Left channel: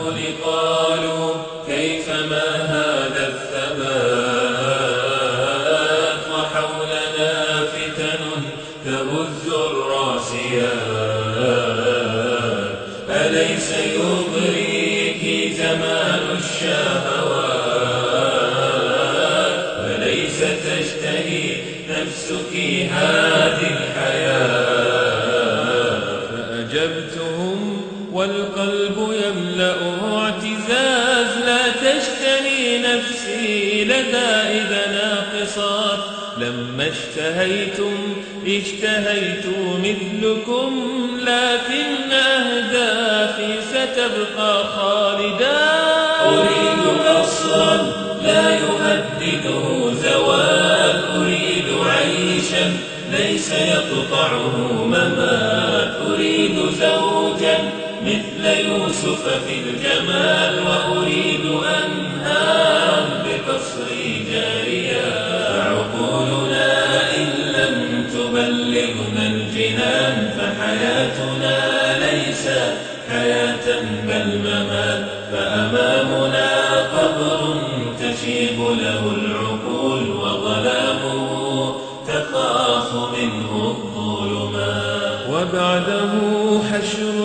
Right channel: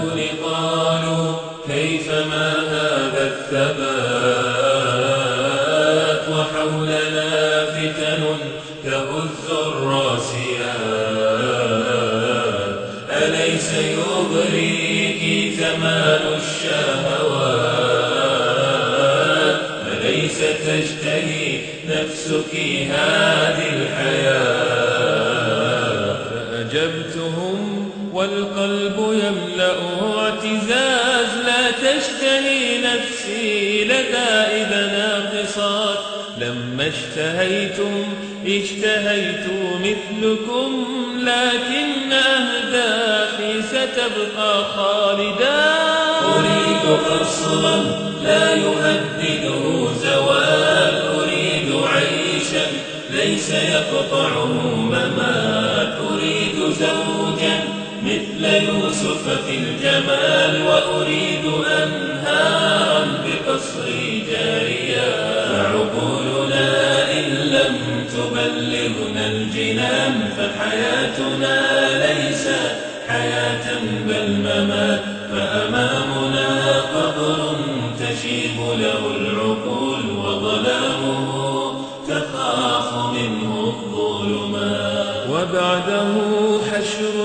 الدهور قالوا كيفما هذا الثبات وحولنا فتن تهز الراسيات أليس يغريك زمان الشهوات أليس تشتهي نفسك هذه الحياة فأجبتهم والقلب يملأه اعتزاز لا تشتهي نفسي لدائد ناقصات لما اشتهيت مثلكم لكن أهدافي ستبقى خالدا أريد قصرا لا يهدده زوال أريد عيشا ليس يقطعه ممات أريد زوجا مثل يوسف في الجمال وأريد أنهارا بقصري جاريا فعقولنا إن لم تبلغنا الجنان فحياتنا ليست حياة بل ممات فأمامنا قبر تشيب له العقول وظلامه تخاف منه الظلمات وبعده حشر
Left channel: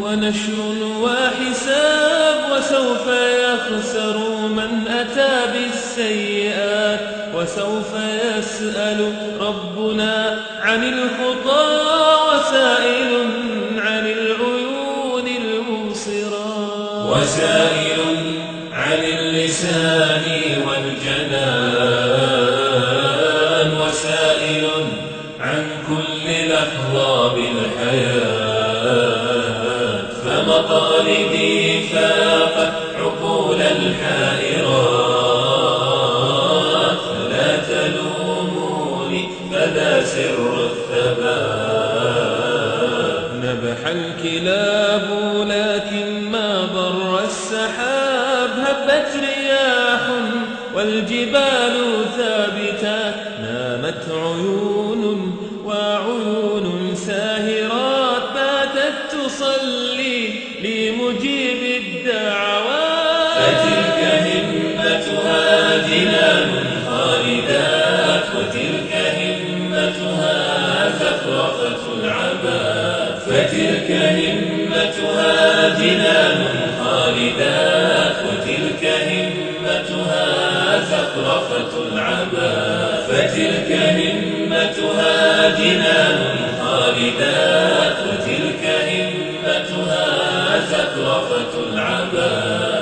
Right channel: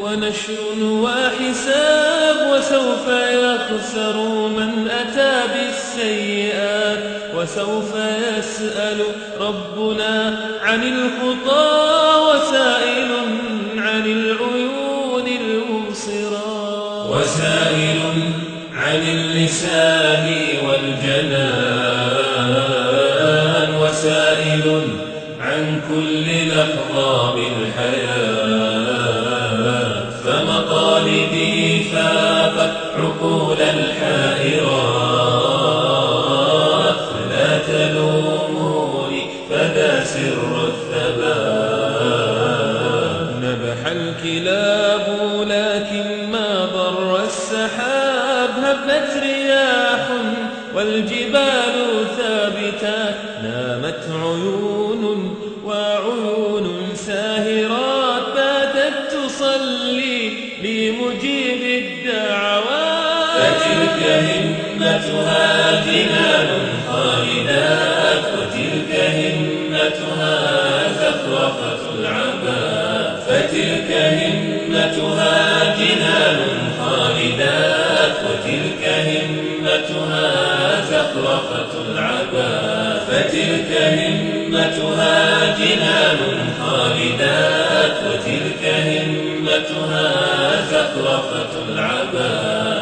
ونشر وحساب وسوف يخسر من أتى بالسيئات وسوف يسأل ربنا عن الخطى وسائل عن العيون المبصرات وسائل عن اللسان والجنان وسائل عن كل لحظة بالحياة فمطالبي فاقت عقول الحائرات فلا تلوموني فذا سر الثبات نبح الكلاب لكن ما ضر السحاب هبت رياح والجبال ثابتات نامت عيون وعيون ساهرات باتت تصلي لمجيب الدعوات فتلك همتها جنان خالدات وتلك همتها زخرفة العباد فتلك همتها جنان خالدات وتلك همتها زخرفة العباد فتلك همتها جنان خالدات وتلك همتها زخرفة العباد